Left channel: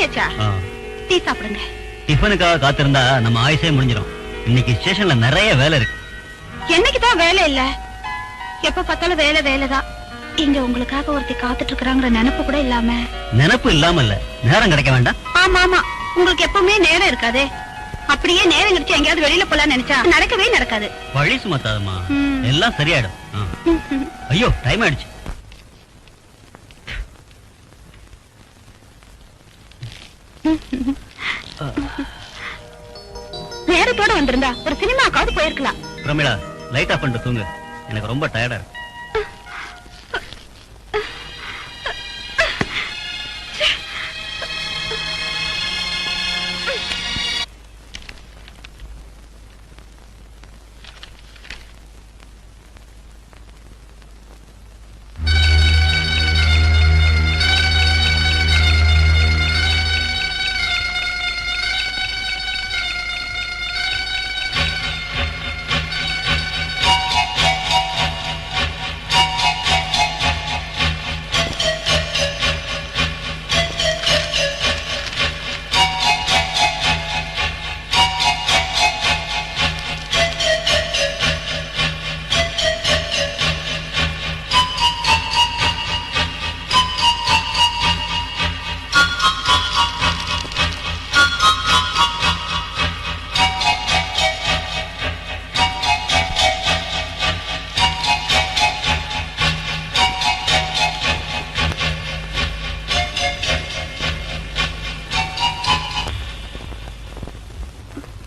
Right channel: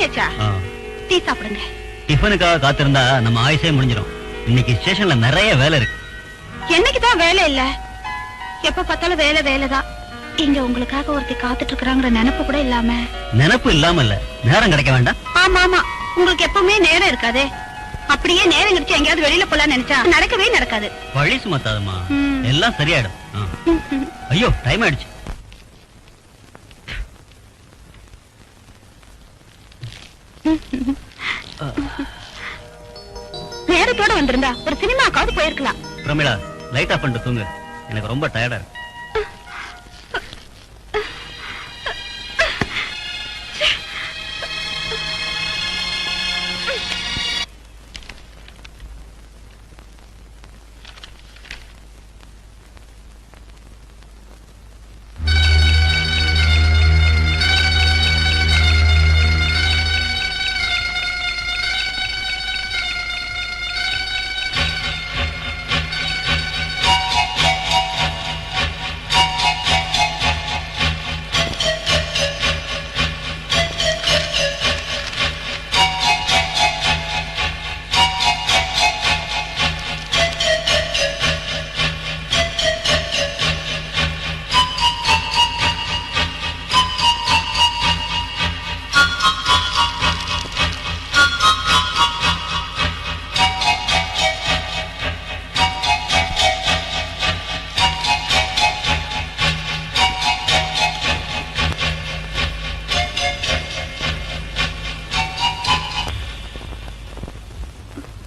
பண்ணியாச்சா? டீ சாப்பிடுங்க. டிஃபனுக்காக காத்திருந்தா நம்ம ஆயுசே முடிஞ்சிடும். இன்னைக்கு ஸ்டேஷன்ல நிறைய வேலை இருக்கு. என்னைக்குதான் வேலை இல்ல? எப்ப பார்த்தாலும் வேலை வேலைதான். இங்க உங்களுக்காக ஒருத்தி காத்துட்டு இருக்கிறாங்கிற நினைப்பு கூட இல்லாம. நினைப்பு இல்லாம இல்ல, நேரம் கிடைக்க வேண்டாம். ஆமா ஆமா, உங்களுக்கு எப்பவுமே நேரம் இருக்காது. அப்படியே நேரம் கிடைச்சு எங்கேயாவது வெளியில போலாம் நினைச்சா நடக்கவே நடக்காது. வழி சுமத்தாதுமா, எல்லாம் சரியாயிடும். ஐயோ டைம் ஆயிடுச்சு. நேரத்தோட வந்திருந்தா ஒரு சினிமாக்காவது போயிருக்கலாம். பிரமிளா, லைட் ஆஃப் பண்ணிட்டு தூங்கு. எனக்கு ரொம்ப டயர்டா இருக்கு.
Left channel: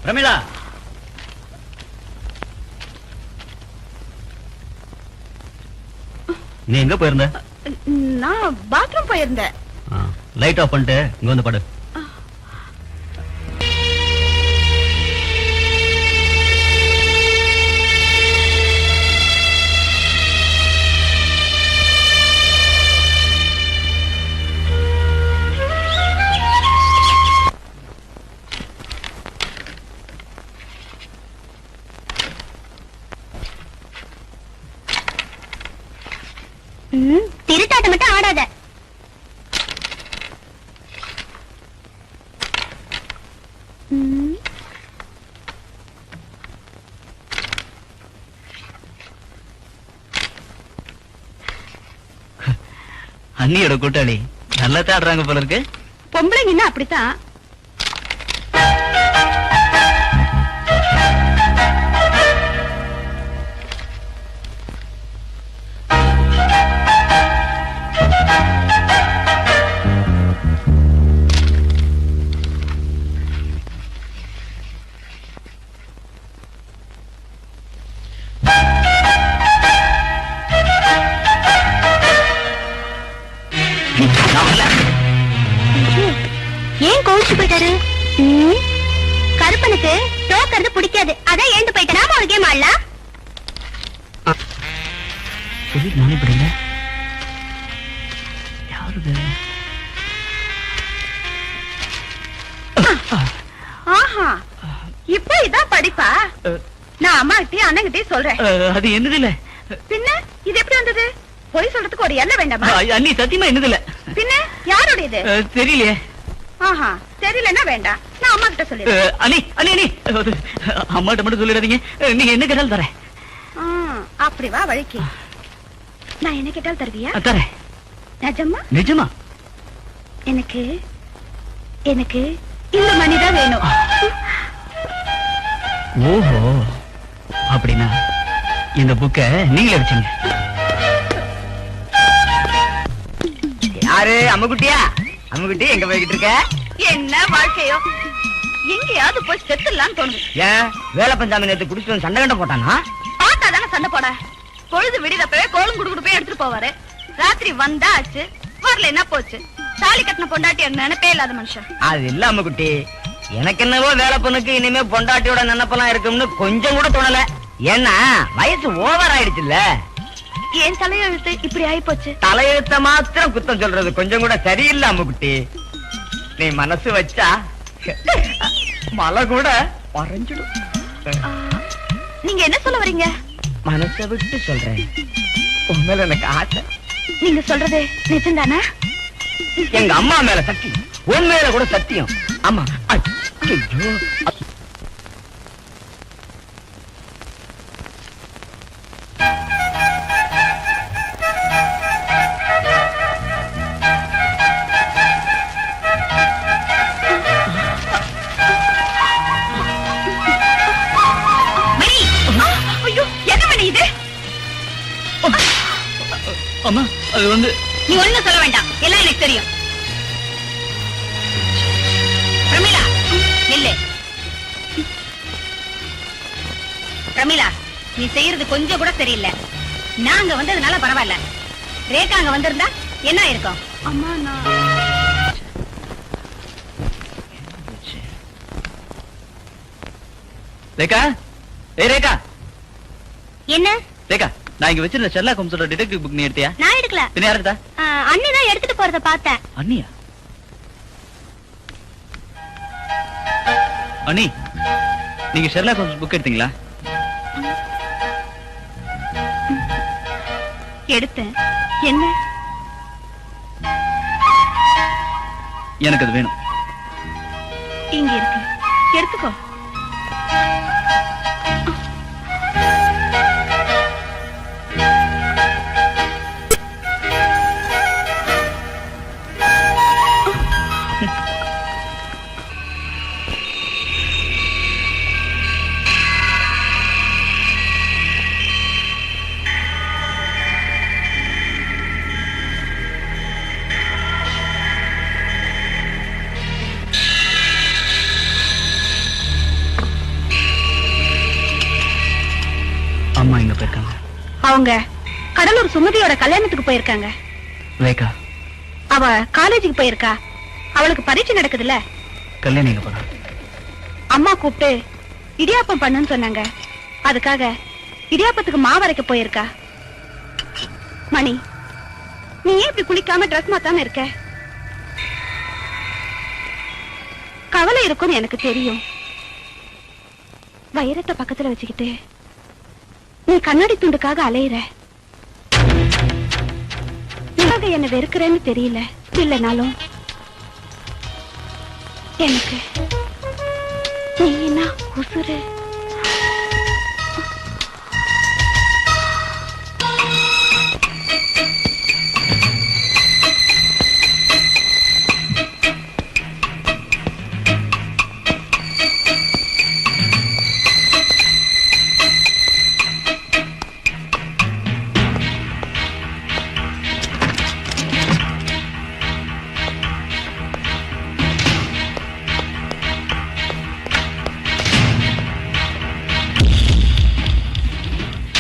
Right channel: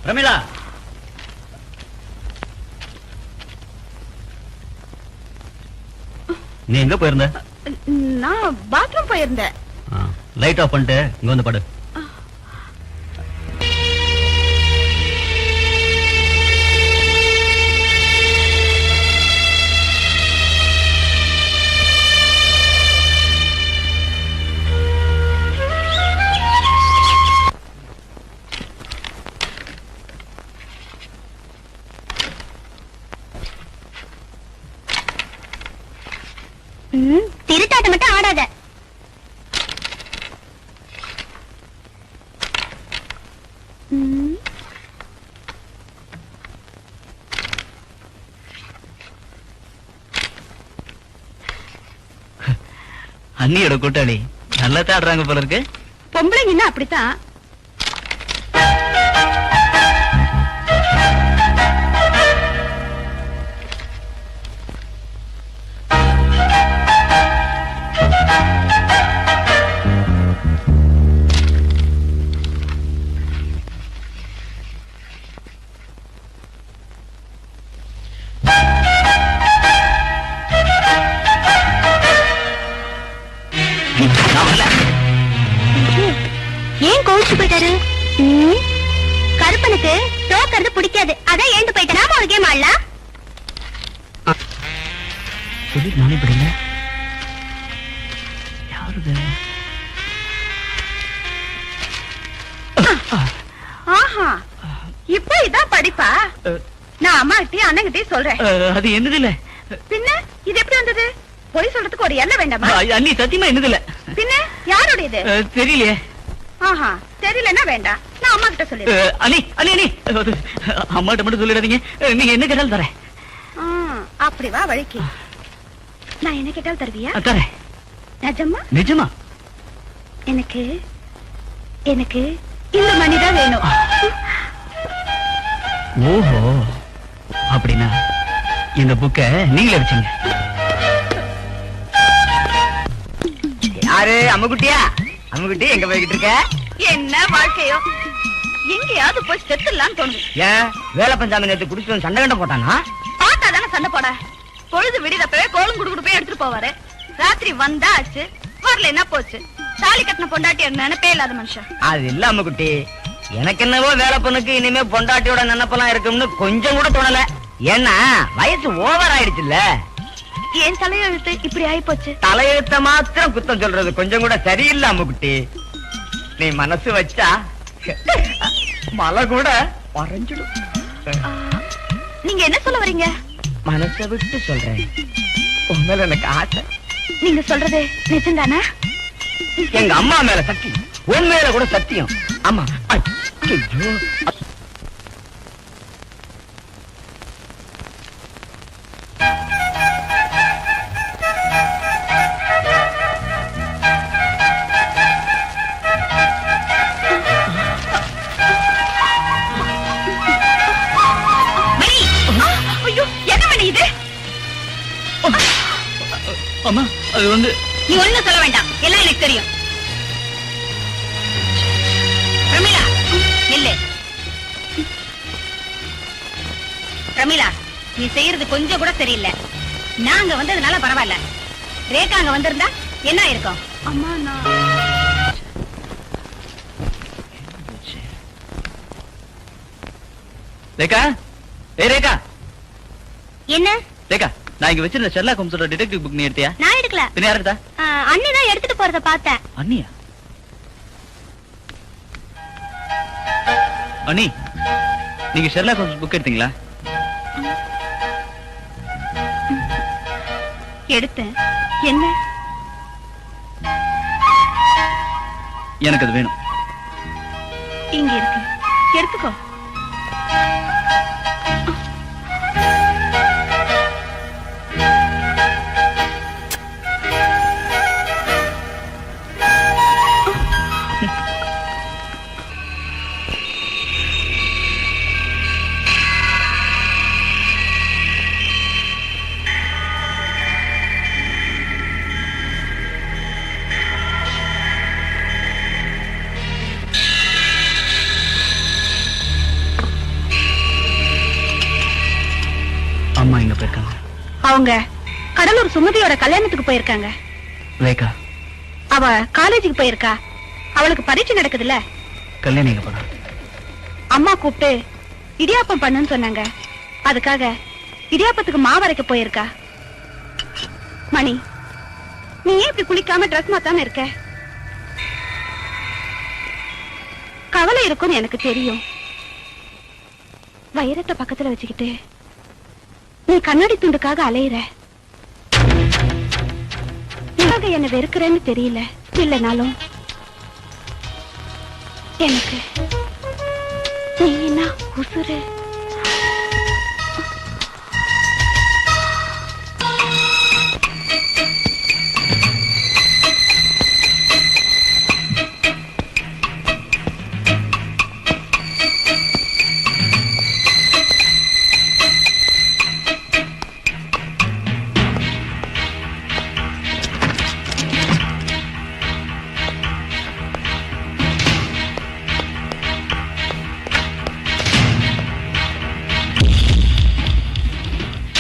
பிரமிளா, நீ எங்க போயிருந்த? நான் பாத்ரூம் போயிருந்தேன். லைட் ஆஃப் பண்ணிட்டு இங்க வந்து படு. திருட்டாட்ட மட்டும் ஆடாத. அண்ணியோட கூட்டாளி நல்லா ஆடுறாங்க போல இருக்கு. பொம்பளைங்கன்னா அப்படித்தான். ஏன் கோவிச்சு போயிட்டாரு? கருப்பனுக்கு தோக்கிறது பிடிக்காது, அதான் ஏந்து போயிட்டா. நாம ஒரு கேம் ஆடலாம். நானே படிங்க. ஆஹா, இப்ப இதான் படிப்பா? நான் அம்மா கிட்டயும் அண்ணங்கிட்டயும் சொல்றேன். அது என்னது இல்ல. பின்ன இது எப்படி வந்தது? பொய் சொல்றதுக்கு ஒரு எல்லை வேண்டாமா? அண்ணி சத்தியமா என்னது இல்ல. பின்ன யாரோட இது? தெரியலையே. ஆஹா, தெரியலன்னா வேண்டாம், நான் அம்மா கிட்ட சொல்லிடுறேன். அண்ணி அண்ணி அண்ணி, அம்மாட்ட மட்டும் சொல்லிடாதீங்க. நீங்க என்ன கேட்டாலும் தரேன். அப்படி வா வழிக்கு. நான் என்ன கேட்டாலும் தருவியா? தரேன். நிஜமா? நிஜமா. எனக்கு எனக்கு இந்த மணிதான் வேணும். ஓஹோ, அப்படின்னா இந்த புக்க நீங்க அடிச்சீங்க. யாரு? அம்முக்குட்டியா? அம்முக்குட்டி எங்க போய்கிட்டு இருக்க? என்ன வாழ்க்கையோ, எங்கேயாவது போய் செத்துலான்னு தோணுது. ஏன் வேலை பஞ்சாமி நேரத்தை குடிச்சு சண்டை கண்ட போட்டானா? பார்த்தாதானே சண்டை போட. பொழுது விடிதப்பவே கோலம் குடுக்குடு போய் எடுத்துட்டு போவாரு. ராத்திரி வந்தா ஆச்சு, வரல என்ன போச்சு. தாலி கட்டின பொண்டாட்டி நினைப்பே இல்லாத மனுஷன். அது இல்ல அம்முக்குட்டி, எனக்கு என்னவோ வேலை பொண்ணுக்கு இனிமே பொண்டாட்டியோட நினைப்பெல்லாம் இருக்கும்னு கொஞ்சம் கூட தோணல. ஏன்னா வயசு ஓவர் ஆயிடுச்சுல்ல. ஏன் தலையெழுத்து இப்படி ஆயி போச்சு? தலையெழுத்த மாத்திரம் குத்தம் சொல்றது கொஞ்சம் கூட சரியில்லை அம்முக்குட்டி. நீ மனசு வச்சா மலை கூட மறைஞ்சிடும். நீங்க என்ன சொல்ல வரீங்க? மனசை விட்டு சொல்றேன், உண்மையில எனக்கு ஆசை. நீங்க சொல்றது நிஜம்தானா? எங்க அம்மா மேல சக்தி உண்மையில கூட சத்தியம். ஆமா. ஐயோ. மணி, ஐயோ, என்ன மணி இது? அம்மா அது வந்து நீ ஒண்ணும் சொல்ல வேண்டாம், எல்லாம் எனக்கு தெரியும். பிரமிளா, நில்லு. பிரமிளா, நீ செய்யறது கொஞ்சம் கூட சரியில்லை. நாங்க வந்ததுனால பரவாயில்ல. ரேகா அங்க வந்திருந்தா என்ன இருக்கும்? அம்மா, ரேகா, ஏய் ரேகா, என்ன? ரேகா, நான் இங்க வச்சிருந்த ஷெர்லாக் ஹோம்ஸோட டிடெக்டிவ் புக் நீ எடுத்தியா? நான் எடுக்கல. பின்ன யார் எடுத்தா? அண்ணி தான் எடுத்துட்டு போறத பார்த்தேன். அண்ணியா? அண்ணி, நீங்க ஷெர்லாக் ஹோம்ஸ் புக் எடுத்தீங்களா? எடுத்தேன். என்ன? எனக்கு அது வேணும். இங்க இருக்கு, எடுத்துக்கோ. அம்மா எங்க போயிருக்காங்க? அவங்க கடலூர் சுமதியோட கல்யாணத்துக்கு போயிருக்காங்க. ரேகா, அவ காலேஜுக்கு போயிருக்கா. அவளுக்கு பரீட்சை நடக்குதுல்ல. கல்யாணம் எங்க போறா? அம்மா கூப்பிட்டு இடியாப்பம் பண்ணுன்னு சொன்னாங்க. அதுக்காக இடியாப்பத்துக்கு மாவரைக்க போயிருக்கா. மணி, நீ ஏன் இப்படி குளிக்காம ட்ரெஸ் மாத்தாம இருக்க? கவலை இருக்கும்னு எனக்கு தெரியும். வைரத்தை பக்கத்துல வச்சுக்கிட்டு நீ கண்ணாடி துண்டுக்காக அலையிற. எதுக்காக என்ன வெறுக்கிறேன்னு தெரியல. இல்லைனாலும் எனக்கு நீ என்ன உசுரு.